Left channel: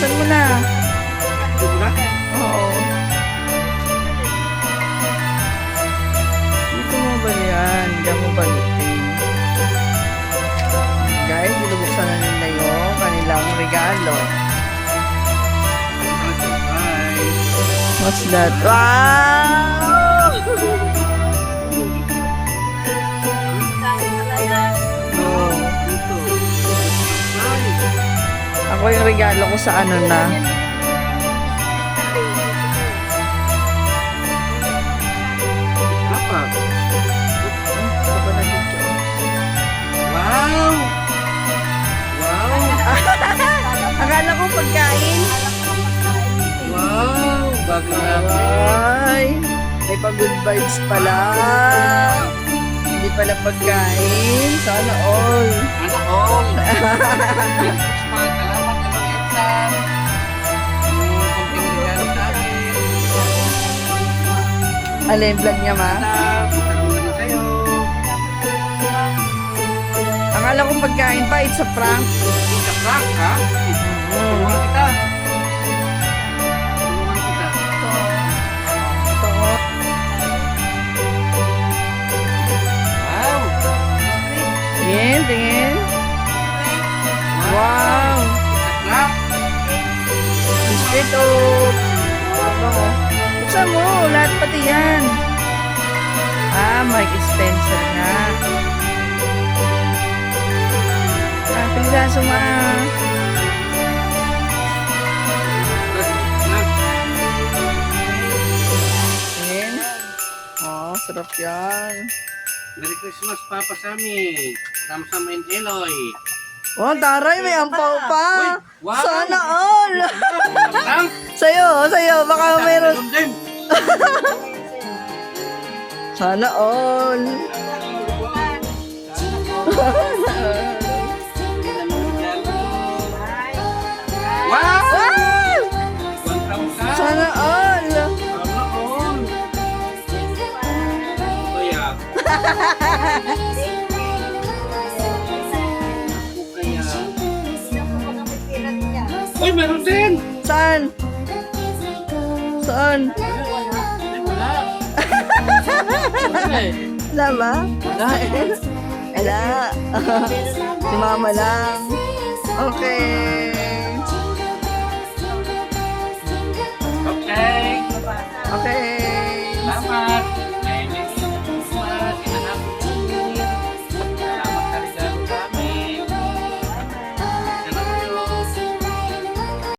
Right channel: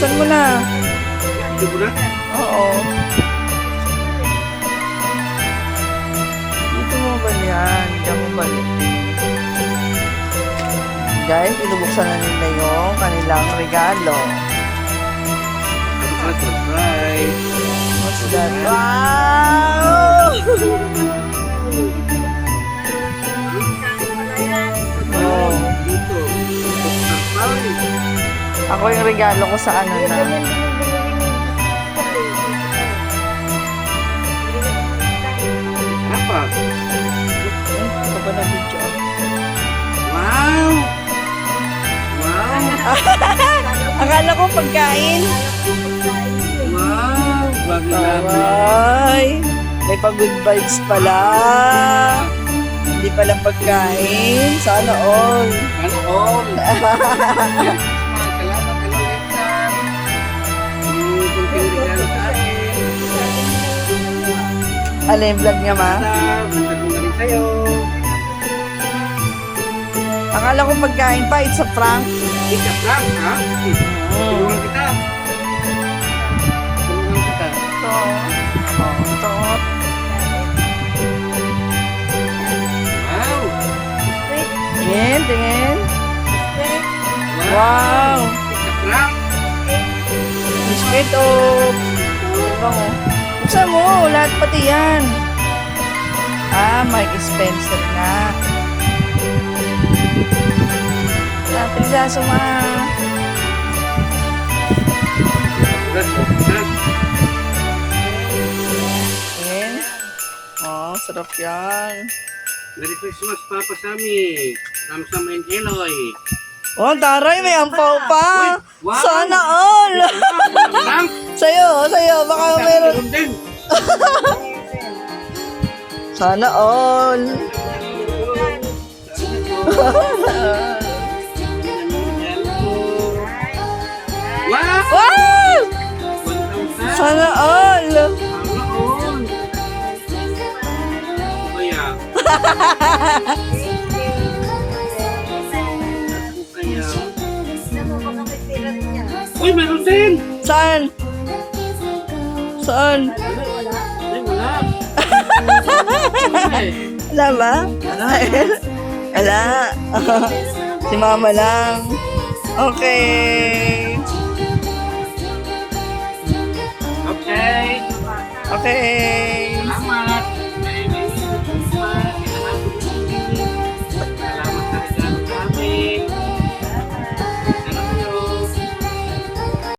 Buksan mo na. Ito mo na? Oo. Dito mo ba yan? Diyan mo balikin. Guys, binubuksan na nila yung kanilang regalo. Ito, hi. What's that? Wow! Oh. Dito. Hi. Ako yung regalo ko sa ano na. Apa? Ito pa na video. Wow! Wow! Akala ko pagkain. Wow! Bago Ay, may pa-good vibes pala. Hindi pala pagkain. Sana all. Ano all? Salamat ulit sa yung kunting regalo sa akin. Ano yung vlog niya, ma? Punta ko na rin sa'yo. Akala ko pagkain pa. It's a prank. Hindi ka prank, ha? Tulungan kita. Tulungan kita. Ito. Oh, ito. Wow! Tingin, tingin. Wow! Wow. It's a prank. Biscuit o... Ano mo? Buksan mo. Lahat pati yan. Ah, Mike Spencer nga. Pindaso ma. Tingin. Oh, sarap yan. Merry Christmas, Papa Sammy. Samsam and Eloy. Oh, taray, may ampaw pa. Uy, wow. Sana all. Prank! Sa'yo. Baka meron. Meron din. Sana all. Wow! Wow! 1,000. Sana all. Sana all. Kaya. Kaya. Uy, meron din. Saan? Saan? Ay, wala. Ay, Wala ba? Wala. Si mama lang. Okay. okay. Okay.